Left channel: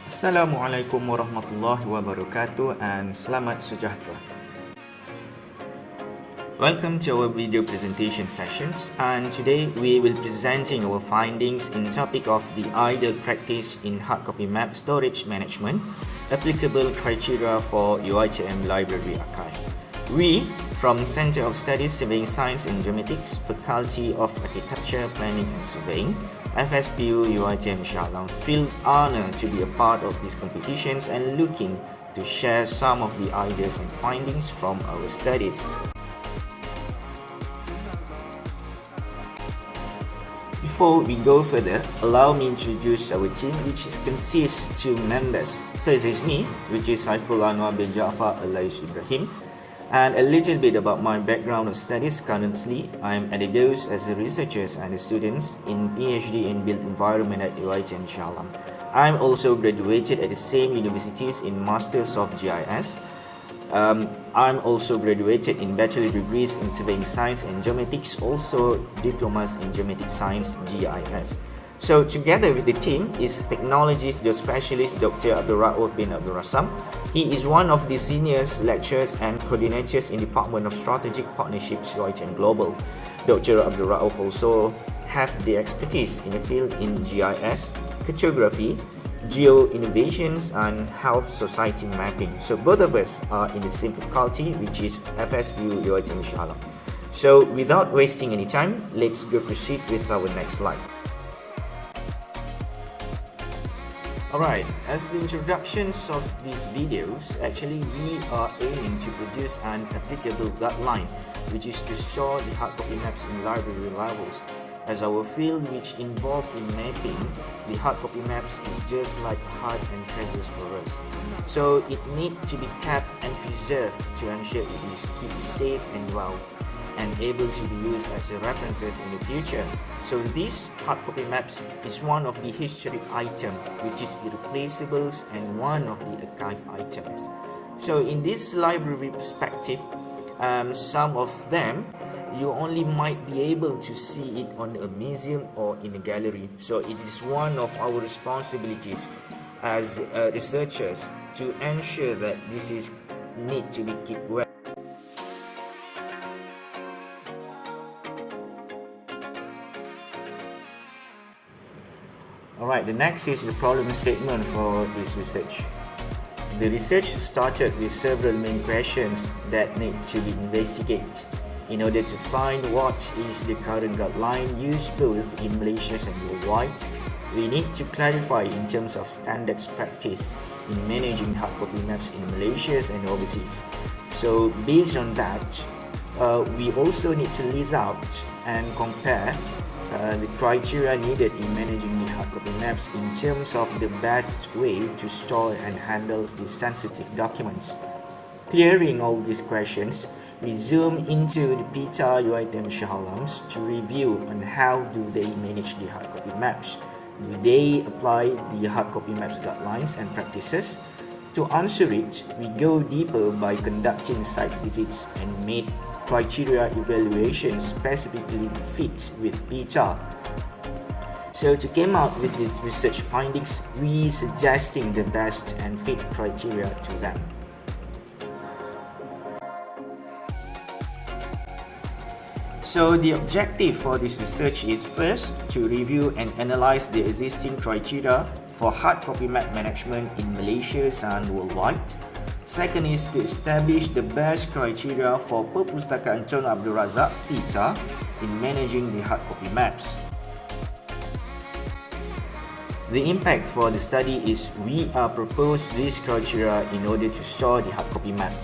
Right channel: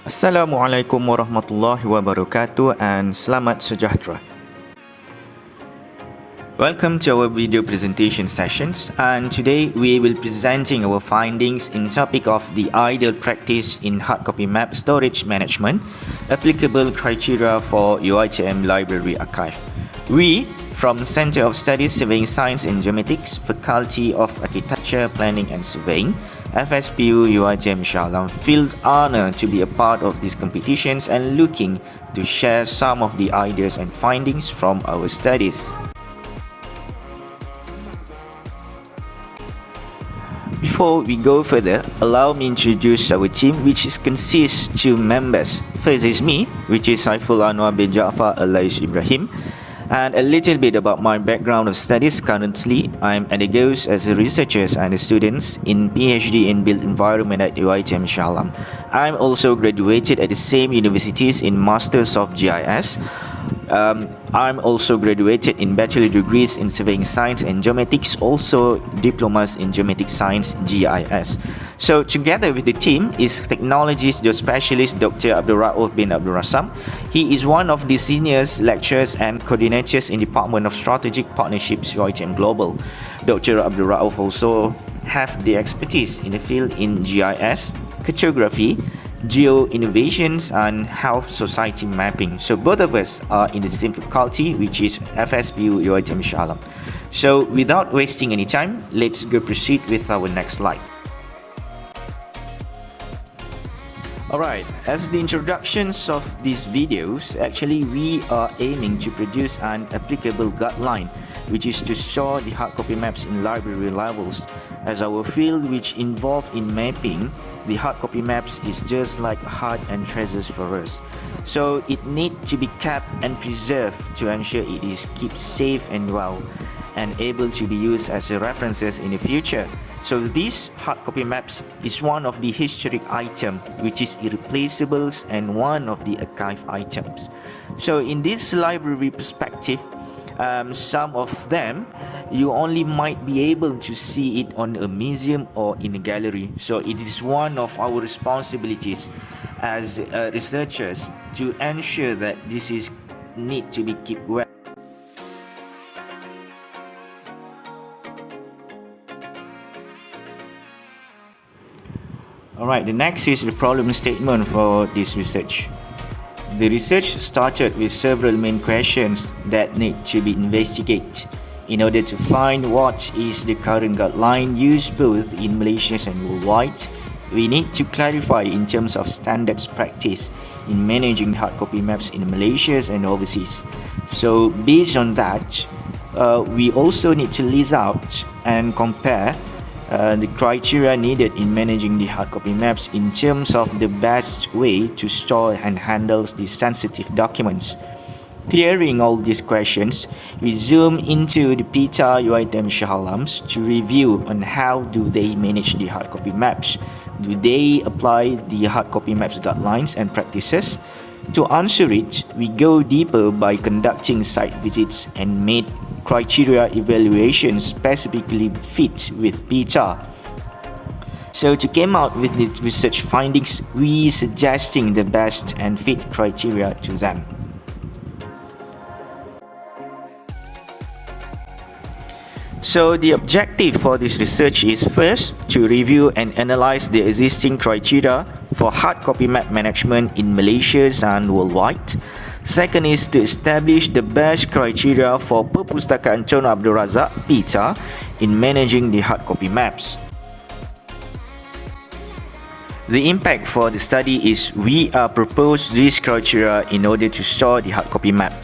Assalamualaikum warahmatullahi wabarakatuh and selamat sejahtera. Welcome to our video presentation sessions, and today we will be presenting our findings in topic of the ideal practice in hardcopy map storage management, applicable criteria for UiTM library archive. We, from Center of Studies Surveying Science and Geomatics, Faculty of Architecture, Planning and Surveying, FSPU UiTM Shah Alam, feel honored to be a part of these competitions and looking to share some of the ideas and findings from our studies. Before we go further, allow me to introduce our team, which consists of 2 members. First is me, which is SAIFUL ANUAR bin Ja'far alias Ibrahim, and a little bit about my background of studies. Currently, I'm undergoes as a researcher and a student in PhD in Built Environment at UiTM Shah Alam. I'm also graduated at the same universities in Masters of GIS. I'm also graduated in bachelor degrees in surveying science and geomatics, also diplomas in geometric science GIS. So together with the team is technologist specialist Dr. Abdul Rauf bin Abdul Rasam. He is one of the seniors lecturers and coordinators in Department of Strategic Partnerships UiTM Global. Dr. Abdul Rauf also have the expertise in the field in GIS, cartography, geo-innovations and health society mapping. So both of us are in the same faculty, which is FSPU UiTM Shah Alam. So without wasting any time, let's go proceed with our next slide. Alright, as the introductions of these videos, actually we are aiming to produce an applicable guideline, which is to store the hardcopy maps in library levels. As our field which involved in mapping, the hardcopy maps is just like heart and treasures for us. So it needs to be kept and preserved to ensure it is kept safe and well and able to be used as a references in the future. So these hardcopy maps is one of the historic item which is irreplaceable and one of the archive items. So in this library perspective, some of them you only might be able to see it on a museum or in a gallery. So it is one of our responsibilities as researchers to ensure that this is need to be kept well. Alright, the next is the problem statement for this research. The research started with several main questions that need to be investigated in order to find what is the current guideline used both in Malaysia and worldwide. We need to clarify in terms of standards practice in managing hardcopy maps in Malaysia and overseas. So based on that, we also need to list out and compare the criteria needed in managing the hardcopy maps in terms of the best way to store and handle these sensitive documents. Clearing all these questions, we zoom into the PTA UiTM Shah Alams to review on how do they manage the hardcopy maps. Do they apply the hardcopy maps guidelines and practices? To answer it, we go deeper by conducting site visits and made criteria evaluation specifically fit with PTA. So to come out with the research findings, we suggesting the best and fit criteria to them. So the objective for this research is first to review and analyze the existing criteria for hardcopy map management in Malaysia and worldwide. Second is to establish the best criteria for Perpustakaan Tun Abdul Razak (PTA) in managing the hardcopy maps. The impact for the study is we are proposed these criteria in order to store the hardcopy map.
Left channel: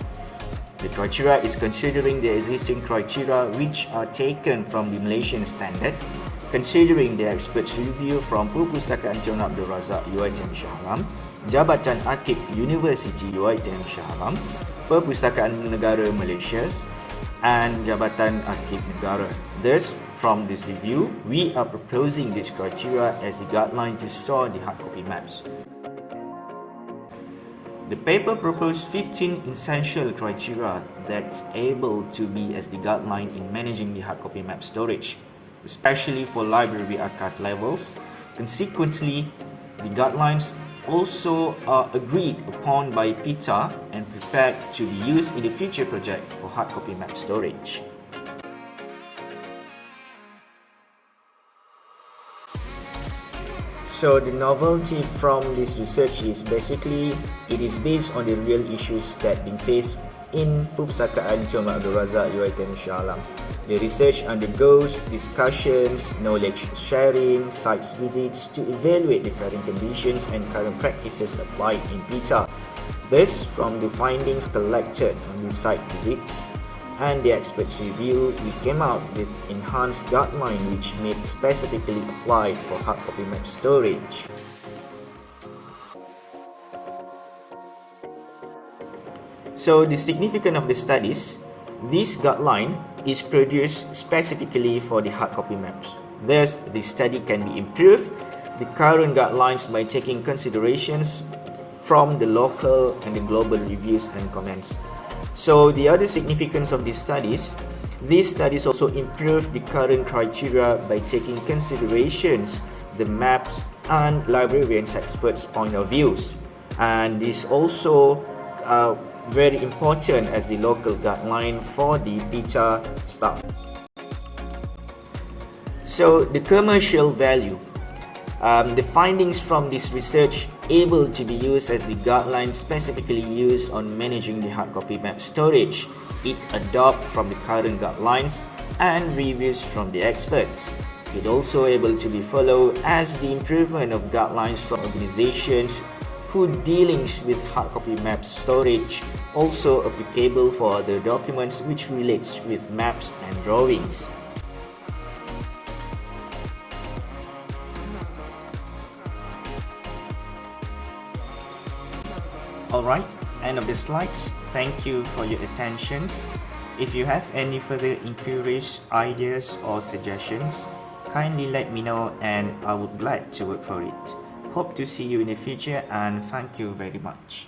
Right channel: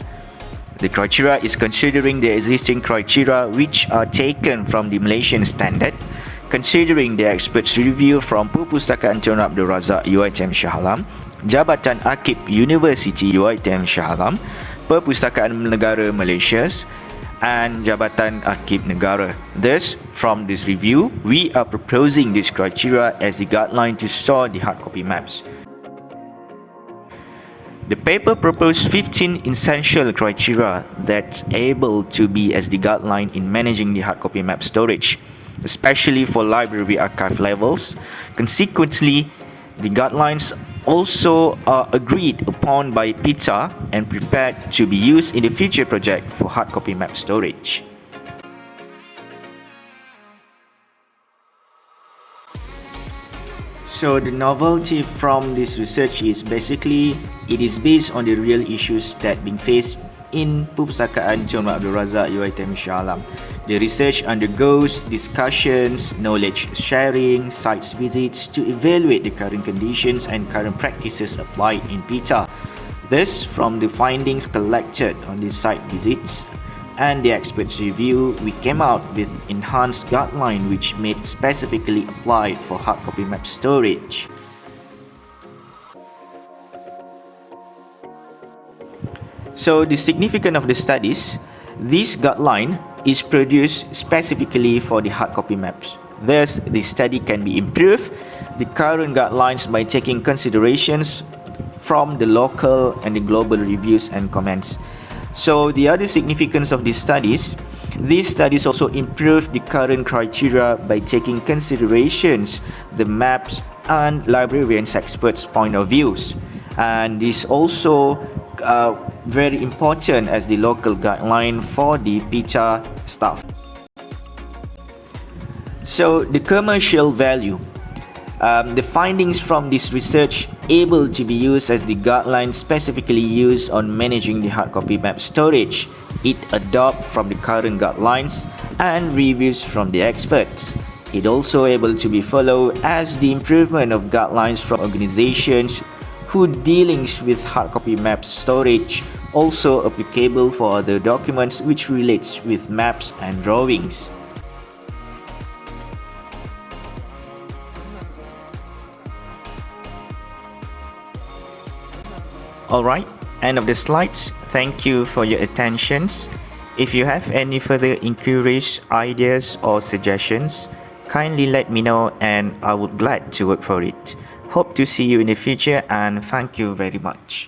The criteria is considering the existing criteria which are taken from the Malaysian standard, considering the experts review from Perpustakaan Tun Abdul Razak UiTM Shah Alam, Jabatan Arkib University UiTM Shah Alam, Perpustakaan Negara Malaysia and Jabatan Arkib Negara. Thus, from this review, we are proposing this criteria as the guideline to store the hardcopy maps. The paper proposed 15 essential criteria that able to be as the guideline in managing the hardcopy map storage, especially for library archive levels. Consequently, the guidelines also are agreed upon by PTA and prepared to be used in the future project for hard copy map storage. So the novelty from this research is basically it is based on the real issues that being faced in Perpustakaan Chong Abdul Razak UiTM Shah Alam. The research undergoes discussions, knowledge sharing, sites visits to evaluate the current conditions and current practices applied in PTA. Thus, from the findings collected on these site visits and the experts review, we came out with enhanced guideline which made specifically applied for hard copy map storage. So the significance of the studies, this guideline is produced specifically for the hard copy maps. Thus, the study can be improved the current guidelines by taking considerations from the local and the global reviews and comments. So the other significance of these studies also improve the current criteria by taking considerations the maps and librarians experts' point of views, and this also very important as the local guideline for the PTA staff. So the commercial value. The findings from this research able to be used as the guideline specifically used on managing the hard copy map storage. It adopt from the current guidelines and reviews from the experts. It also able to be followed as the improvement of guidelines from organizations who dealings with hard copy maps storage, also applicable for other documents which relates with maps and drawings. Alright, end of the slides. Thank you for your attentions. If you have any further inquiries, ideas or suggestions, kindly let me know and I would glad to work for it. Hope to see you in the future and thank you very much.